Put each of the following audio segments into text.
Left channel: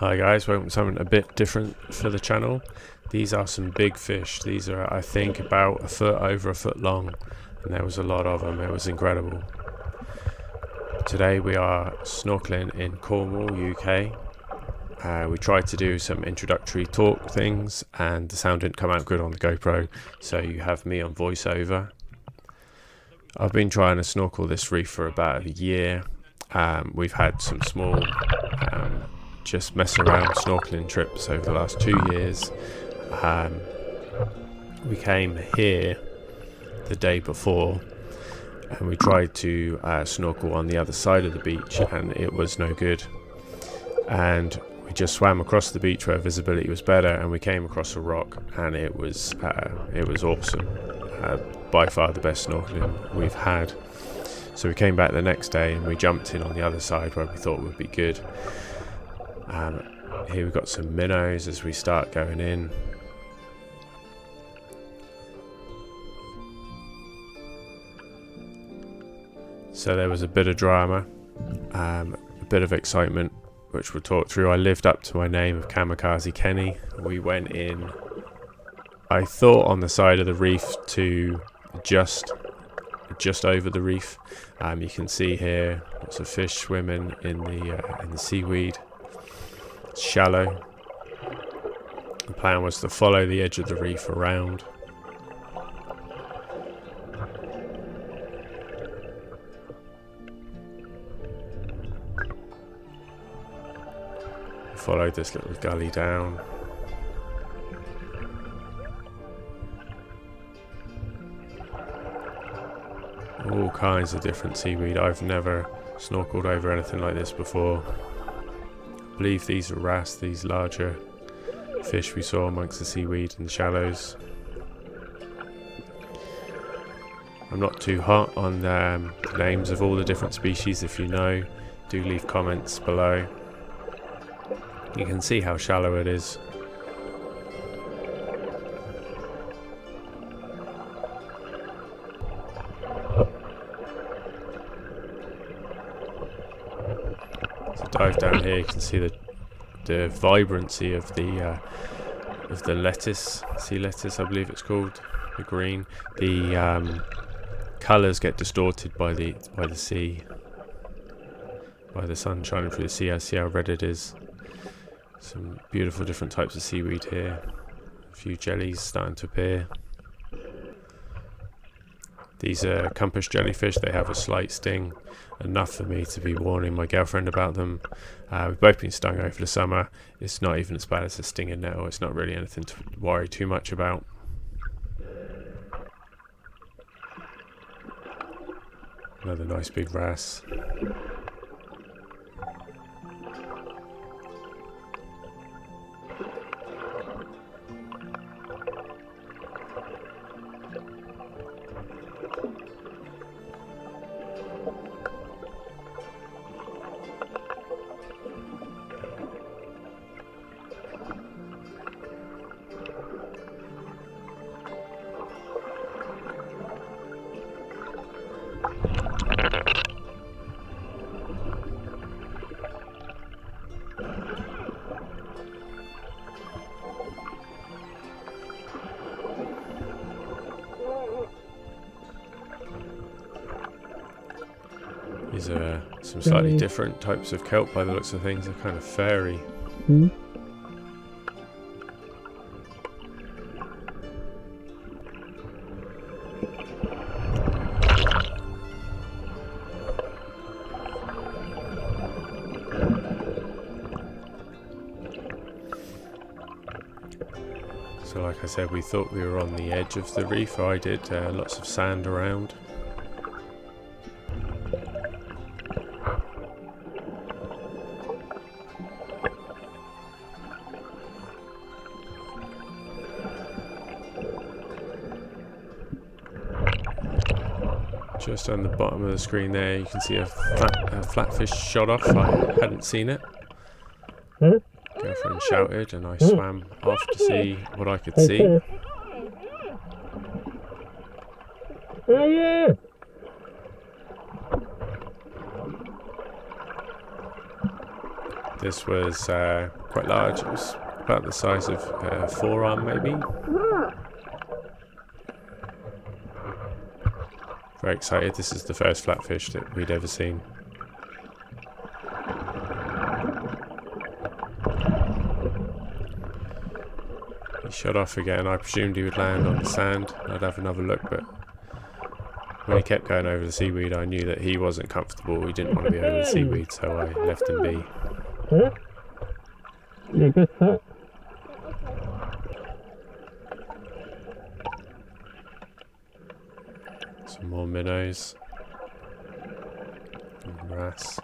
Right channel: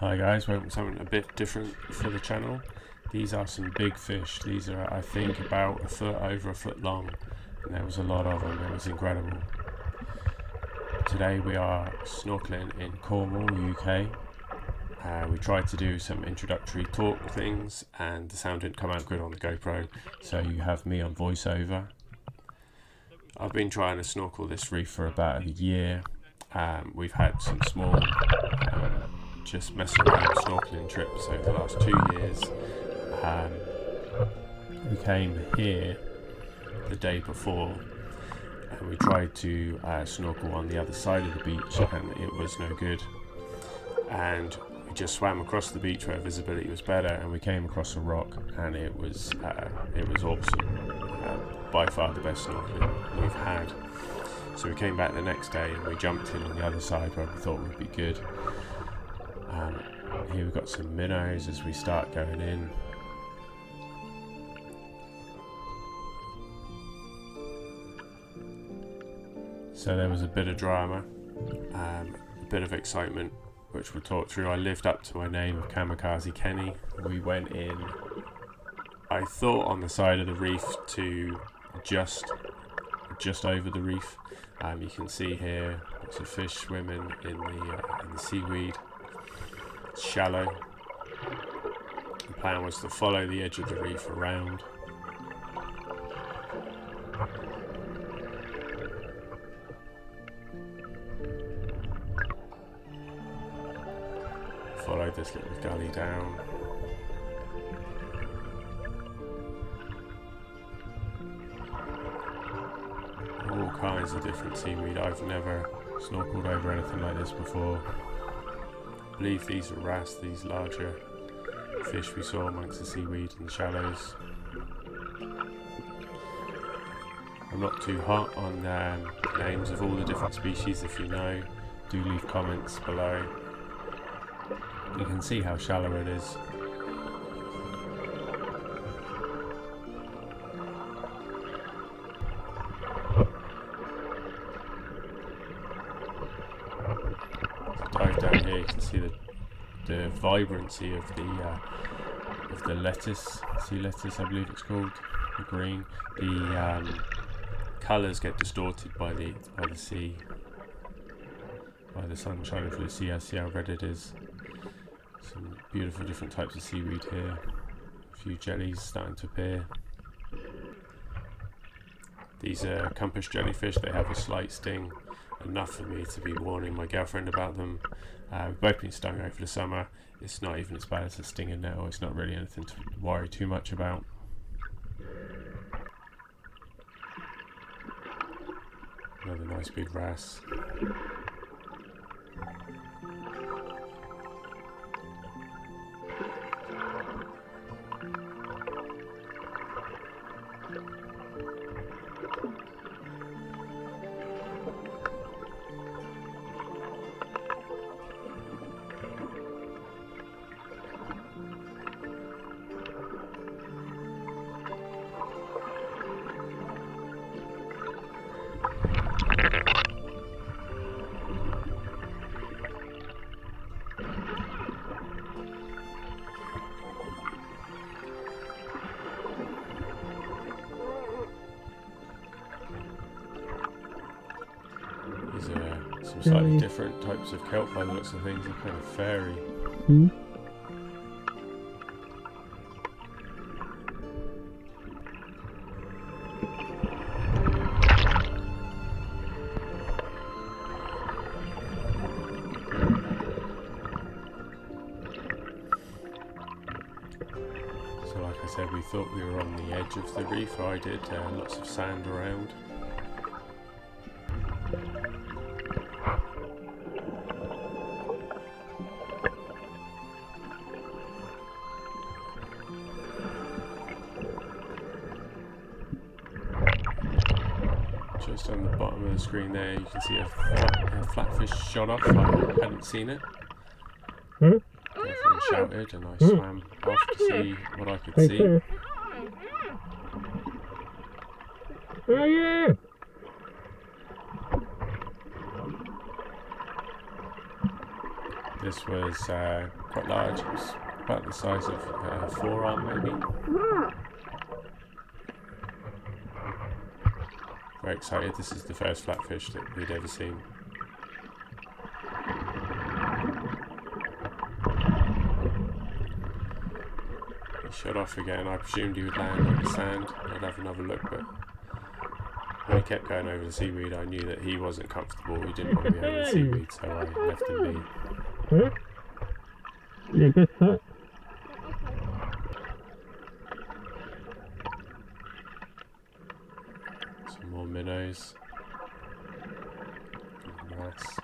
Hi guys, welcome to something a bit different for the channel. These are some big fish. These are, I think, about a foot, over a foot long, and there was a lot of them. It was incredible. Today we are snorkeling in Cornwall, UK. We tried to do some introductory talk things and the sound didn't come out good on the GoPro, so you have me on voiceover. I've been trying to snorkel this reef for about a year. We've had some small just mess around snorkeling trips over the last 2 years. We came here the day before and we tried to snorkel on the other side of the beach and it was no good, and we just swam across the beach where visibility was better and we came across a rock and it was awesome. By far the best snorkeling we've had. So we came back the next day and we jumped in on the other side where we thought would be good. Here we've got some minnows as we start going in. So there was a bit of drama, a bit of excitement, which we'll talk through. I lived up to my name of KamikazeKenny. We went in, I thought, on the side of the reef to just over the reef. You can see here lots of fish swimming in the seaweed. It's shallow. The plan was to follow the edge of the reef around. Follow this little gully down. All kinds of different seaweed. I've never snorkeled over anything like this before. I believe these are wrasse, these larger fish we saw amongst the seaweed in the shallows. I'm not too hot on the names of all the different species. If you know, do leave comments below. You can see how shallow it is. Dive down here, you can see the vibrancy of the lettuce, sea lettuce I believe it's called, the green. The colours get distorted by the sea, by the sun shining through the sea. I see how red it is. Some beautiful different types of seaweed here. A few jellies starting to appear. These are compass jellyfish. They have a slight sting, enough for me to be warning my girlfriend about them. We've both been stung over the summer. It's not even as bad as a stinging nettle. It's not really anything to worry too much about. Another nice big wrasse. These are some slightly different types of kelp by the looks of things. They're kind of fairy. So like I said, we thought we were on the edge of the reef. I did. Lots of sand around. Just on the bottom of the screen there, you can see a flatfish shot off. I hadn't seen it. Girlfriend shouted and I swam off to see what I could see. This was quite large. It was about the size of a forearm maybe. Very excited. This is the first flatfish that we'd ever seen. He shot off again. I presumed he would land on the sand. I'd have another look, but when he kept going over the seaweed, I knew that he wasn't comfortable. He didn't want to be over the seaweed, so I left him be. Yeah, good shot. Some more minnows. And wrasse.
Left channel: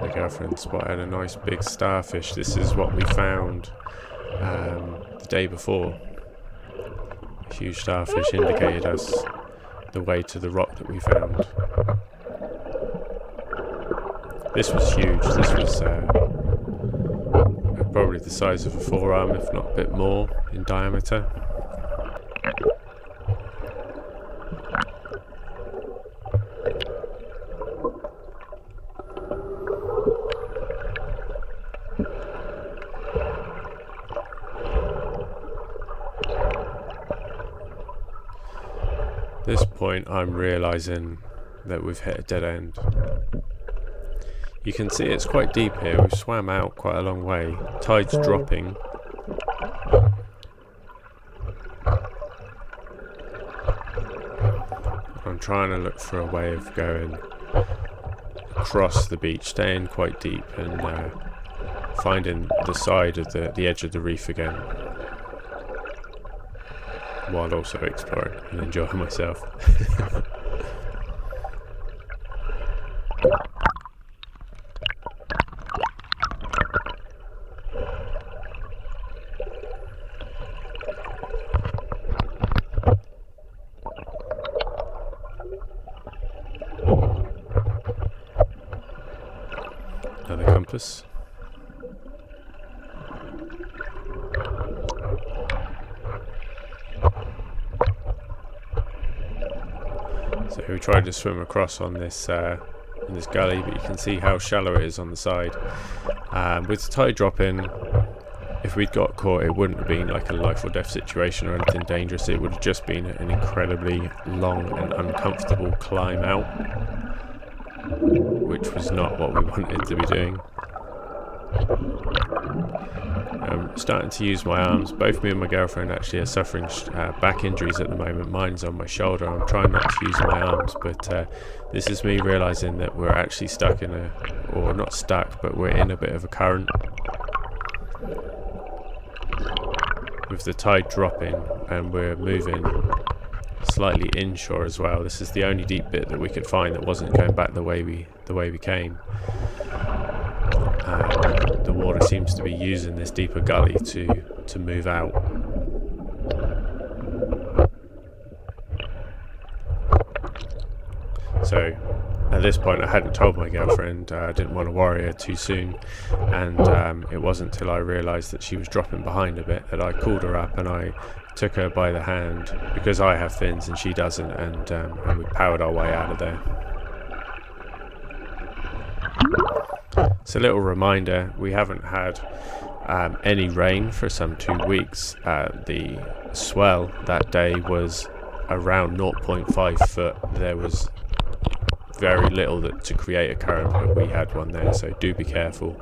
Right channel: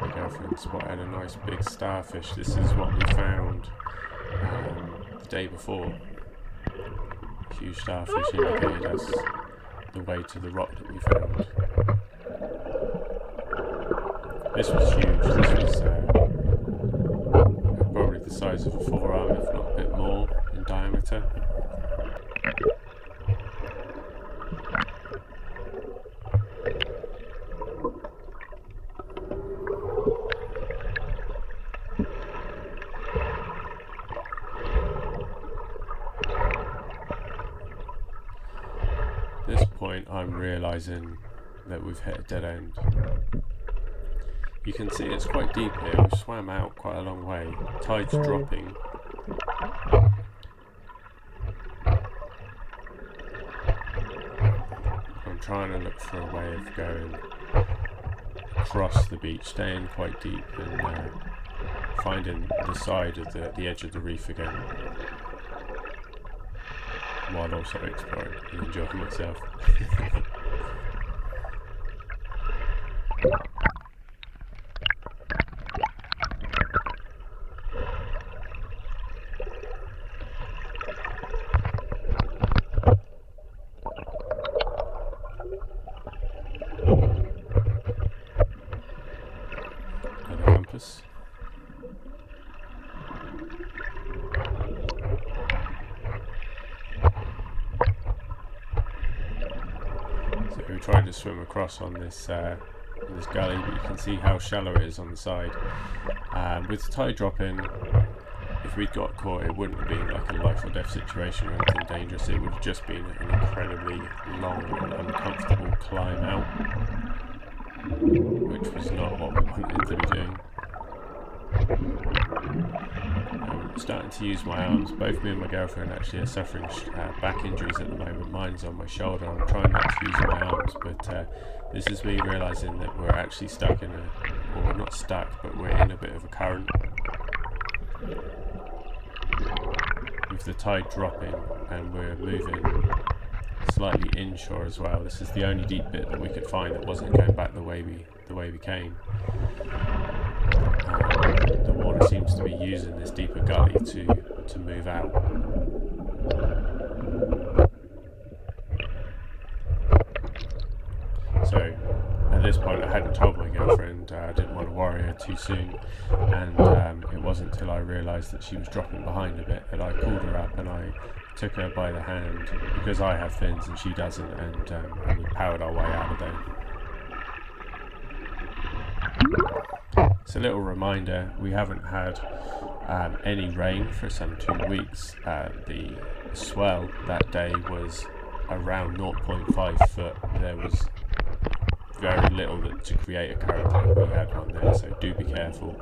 My girlfriend spotted a nice big starfish. This is what we found the day before. A huge starfish indicated us the way to the rock that we found. This was huge. This was probably the size of a forearm, if not a bit more in diameter. At this point, I'm realizing that we've hit a dead end. You can see it's quite deep here. We've swam out quite a long way. Tide's dropping. I'm trying to look for a way of going across the beach, staying quite deep, and finding the side of the edge of the reef again, while also exploring and enjoying myself. Another compass. So we tried to swim across on this in this gully, but you can see how shallow it is on the side. With the tide dropping, if we'd got caught, it wouldn't have been like a life or death situation or anything dangerous. It would have just been an incredibly long and uncomfortable climb out, which was not what we wanted to be doing. I'm starting to use my arms. Both me and my girlfriend actually are suffering back injuries at the moment. Mine's on my shoulder. I'm trying not to use my arms, but this is me realizing that we're actually stuck in or not stuck, but we're in a bit of a current. With the tide dropping and we're moving slightly inshore as well. This is the only deep bit that we could find that wasn't going back the way we came. The water seems to be using this deeper gully to move out. So at this point I hadn't told my girlfriend. I didn't want to worry her too soon, and it wasn't until I realised that she was dropping behind a bit that I called her up and I took her by the hand, because I have fins and she doesn't, and we powered our way out of there. It's a little reminder, we haven't had any rain for some 2 weeks. The swell that day was around 0.5 foot. There was very little to create a current, but we had one there, so do be careful.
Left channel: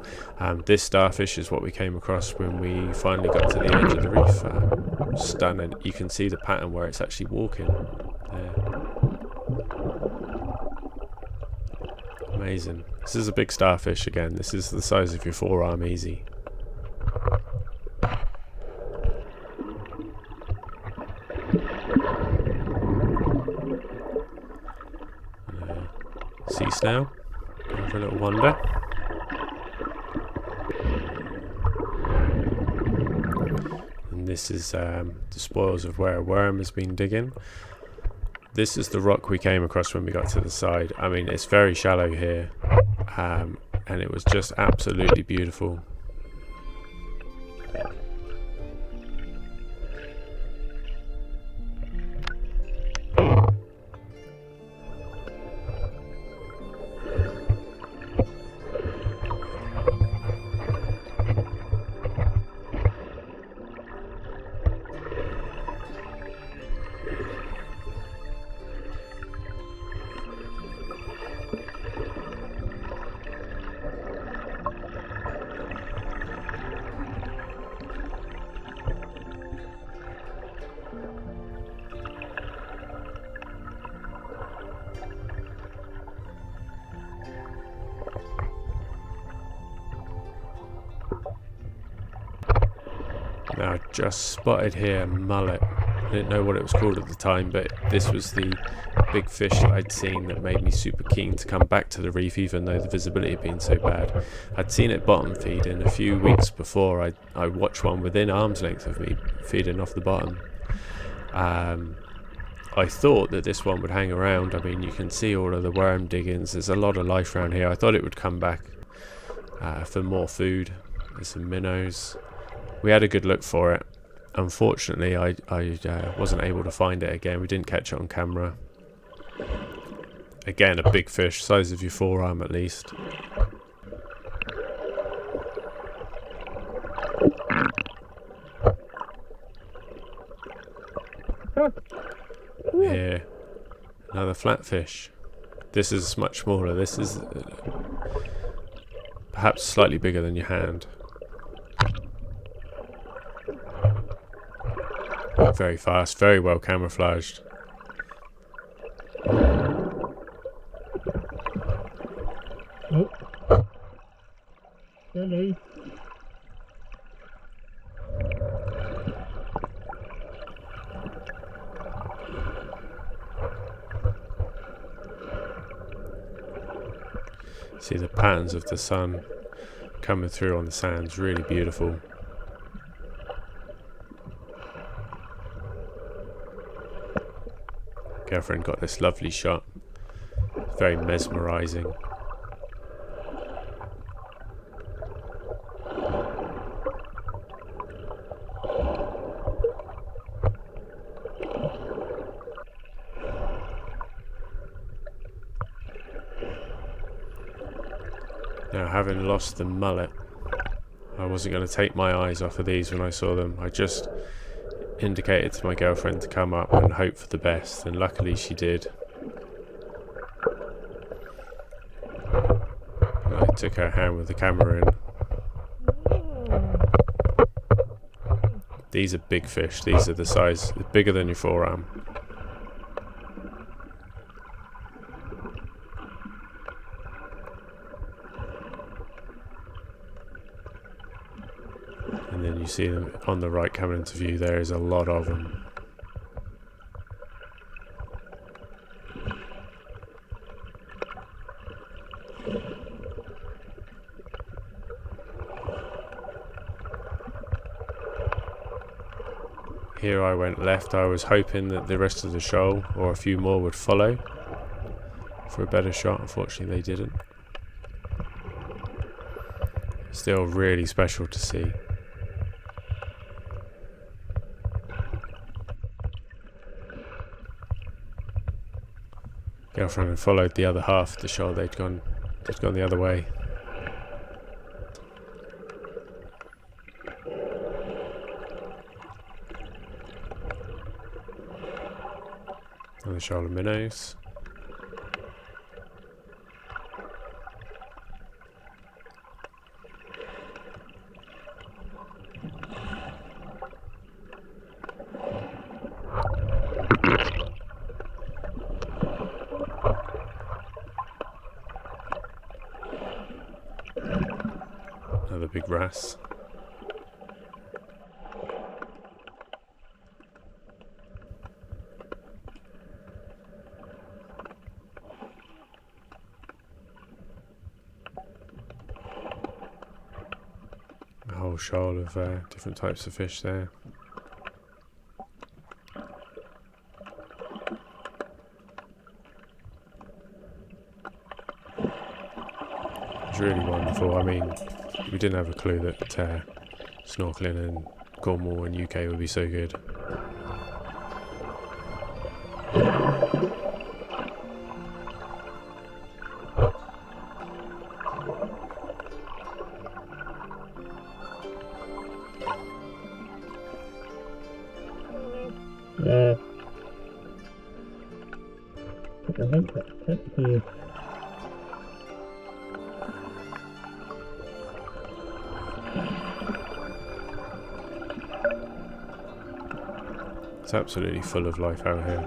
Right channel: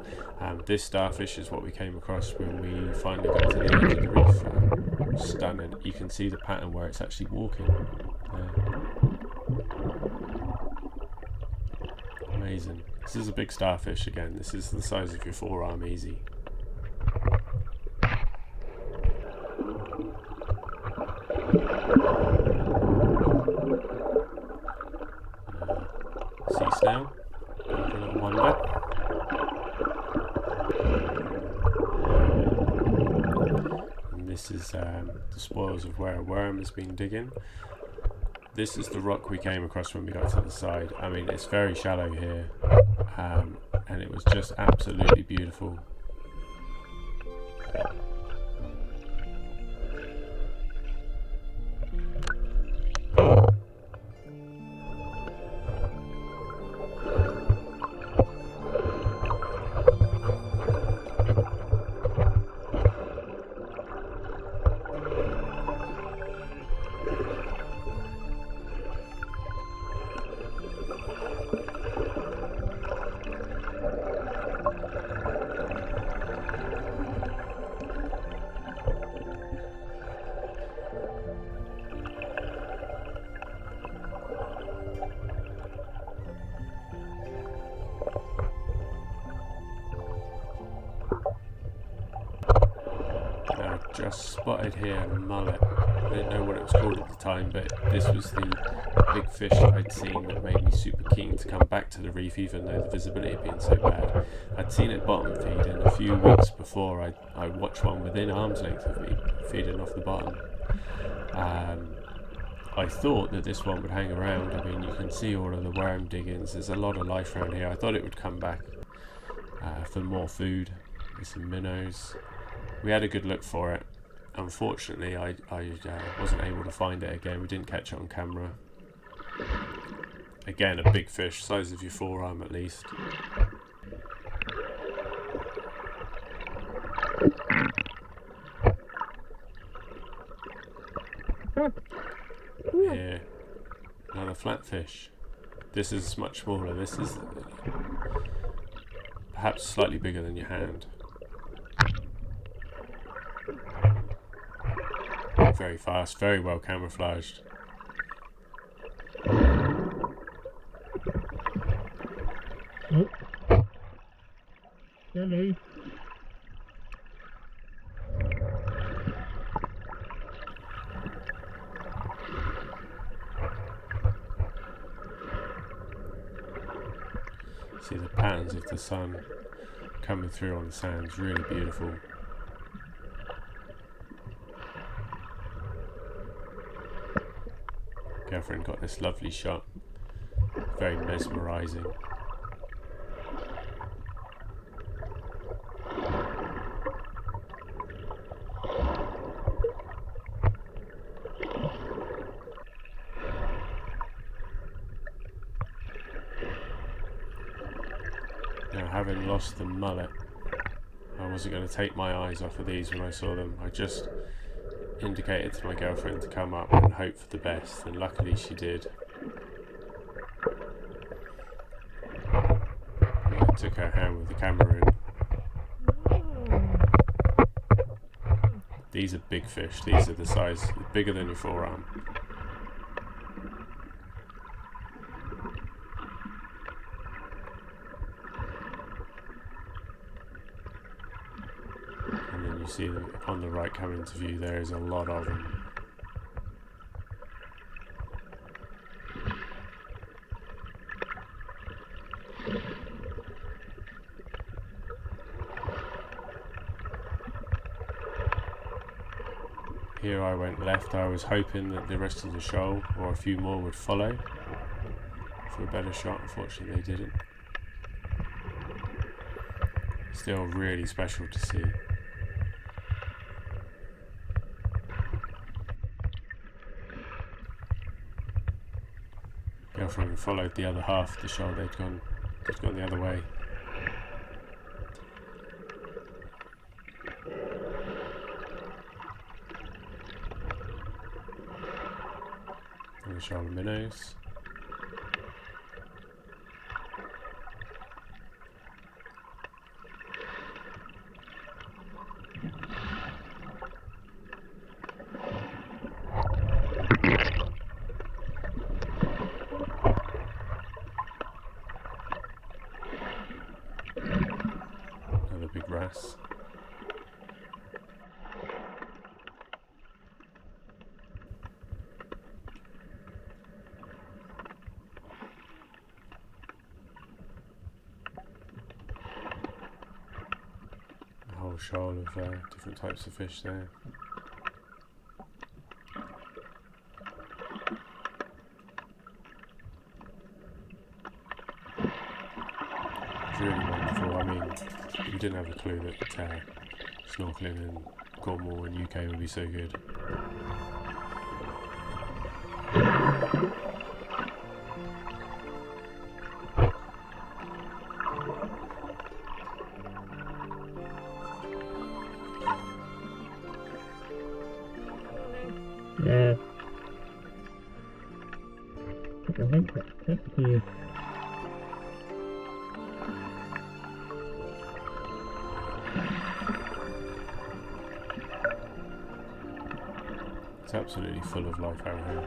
This starfish is what we came across when we finally got to the edge of the reef. Stunning. You can see the pattern where it's actually walking there. Amazing. This is a big starfish again. This is the size of your forearm easy. Sea snail. Going for a little wander. And this is the spoils of where a worm has been digging. this is the rock we came across when we got to the side. I mean, it's very shallow here, and it was just absolutely beautiful. Now I just spotted here mullet. I didn't know what it was called at the time, but this was the big fish that I'd seen that made me super keen to come back to the reef, even though the visibility had been so bad. I'd seen it bottom feed, and a few weeks before I watched one within arm's length of me feeding off the bottom. I thought that this one would hang around. I mean, you can see all of the worm diggings. There's a lot of life around here. I thought it would come back for more food. There's some minnows. We had a good look for it. Unfortunately, I wasn't able to find it again. We didn't catch it on camera. Again, a big fish, size of your forearm at least. Here, another flatfish. This is much smaller. This is perhaps slightly bigger than your hand. Very fast, very well camouflaged. Oh. Hello. See the patterns of the sun coming through on the sands, really beautiful. Girlfriend got this lovely shot, very mesmerizing. Now, having lost the mullet, I wasn't going to take my eyes off of these when I saw them. I just indicated to my girlfriend to come up and hope for the best, and luckily she did. And I took her hand with the camera in. These are big fish. These are the size, bigger than your forearm. And then you see them on the right coming into view. There is a lot of them. Here I went left. I was hoping that the rest of the shoal or a few more would follow for a better shot. Unfortunately they didn't. Still really special to see. Girlfriend had followed the other half of the shoal. They'd gone the other way. And the shoal of minnows. Another big wrasse. A whole shoal of different types of fish there. was really wonderful. I mean, we didn't have a clue that snorkeling in Cornwall and UK would be so good. Yeah. I think that's technically It's absolutely full of life out here.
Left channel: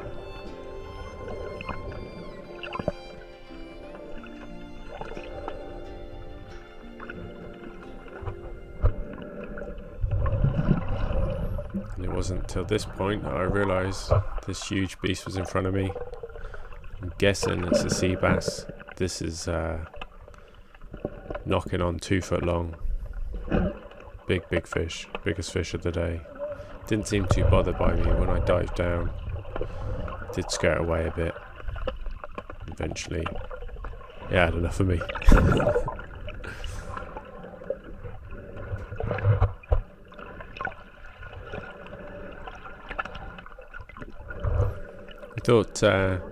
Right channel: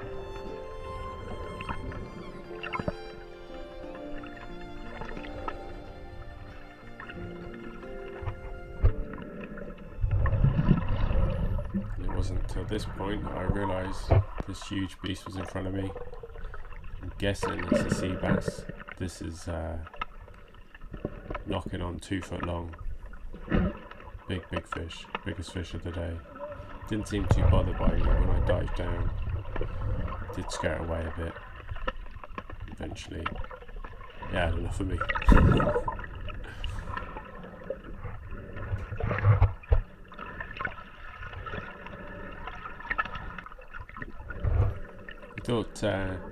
And it wasn't until this point that I realised this huge beast was in front of me. I'm guessing it's a sea bass. This is knocking on 2 foot long. Big fish, biggest fish of the day. Didn't seem too bothered by me when I dived down. Did scare away a bit. Eventually, it had enough of me. I thought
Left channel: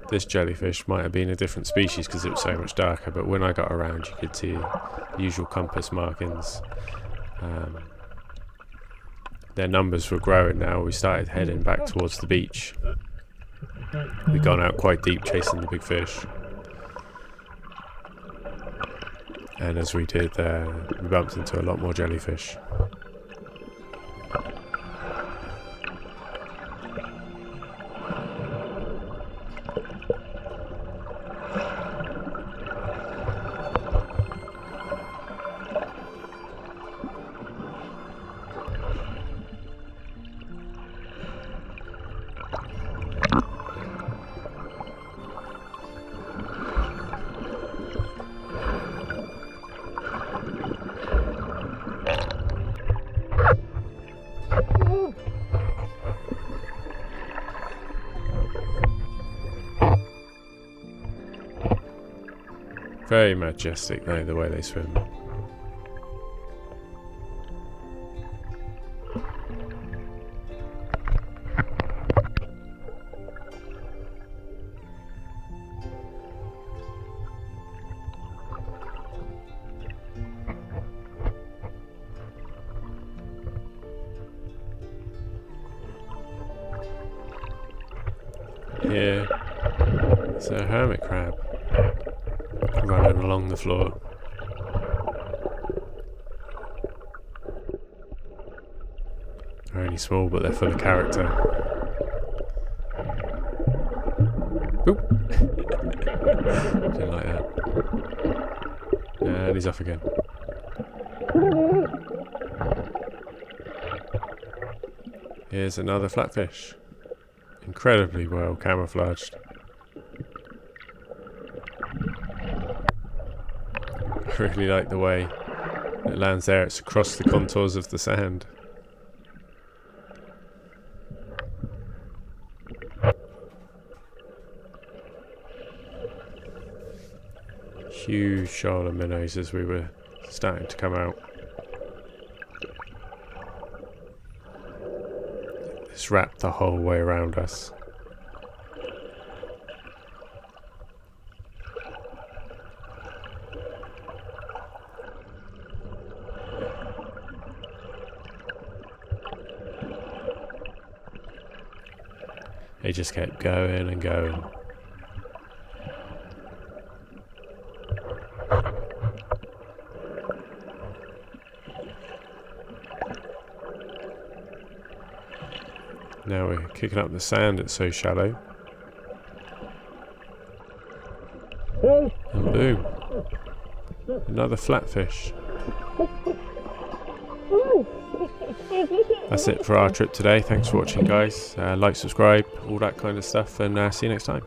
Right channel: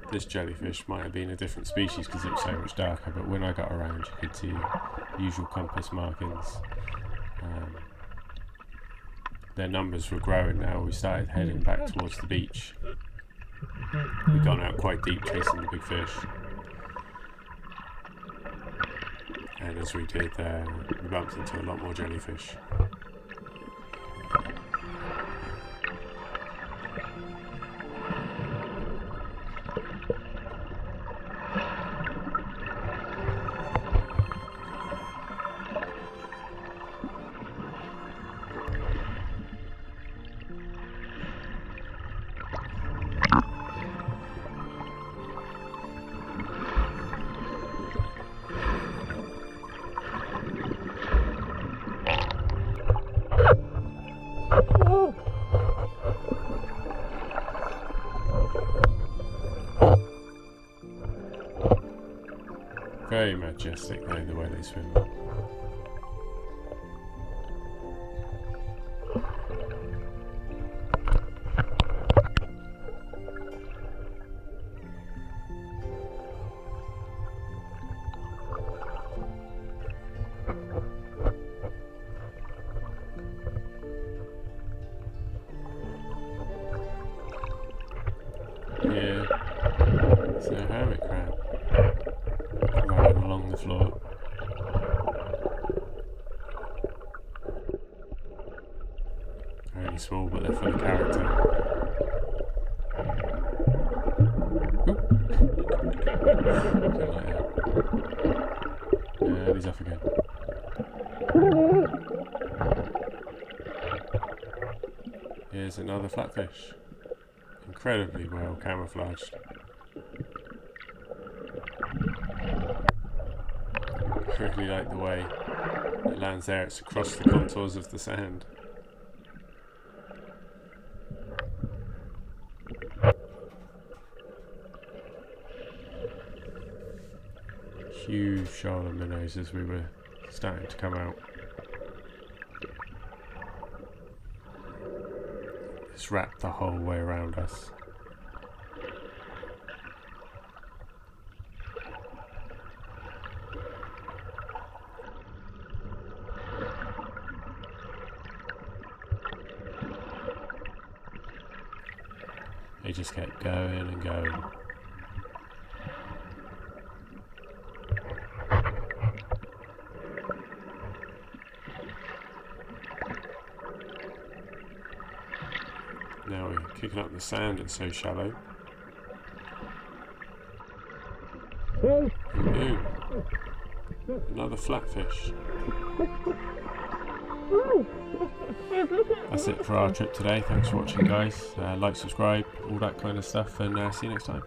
this jellyfish might have been a different species because it was so much darker, but when I got around you could see the usual compass markings. Their numbers were growing now. We started heading back towards the beach. We'd gone out quite deep chasing the big fish. And as we did, we bumped into a lot more jellyfish. Very majestic though, the way they swim. Yeah, it's a hermit crab running along the floor. They're only small, but they're full of character. Oop. Didn't like that. And he's off again. Here's another flatfish. Incredibly well camouflaged. I really like the way it lands there. It's across the contours of the sand. Huge shoal of minnows as we were starting to come out. It's wrapped the whole way around us. They just kept going and going. Now we're kicking up the sand, it's so shallow. And boom! Another flatfish. That's it for our trip today. Thanks for watching, guys. Like, subscribe, all that kind of stuff, and see you next time.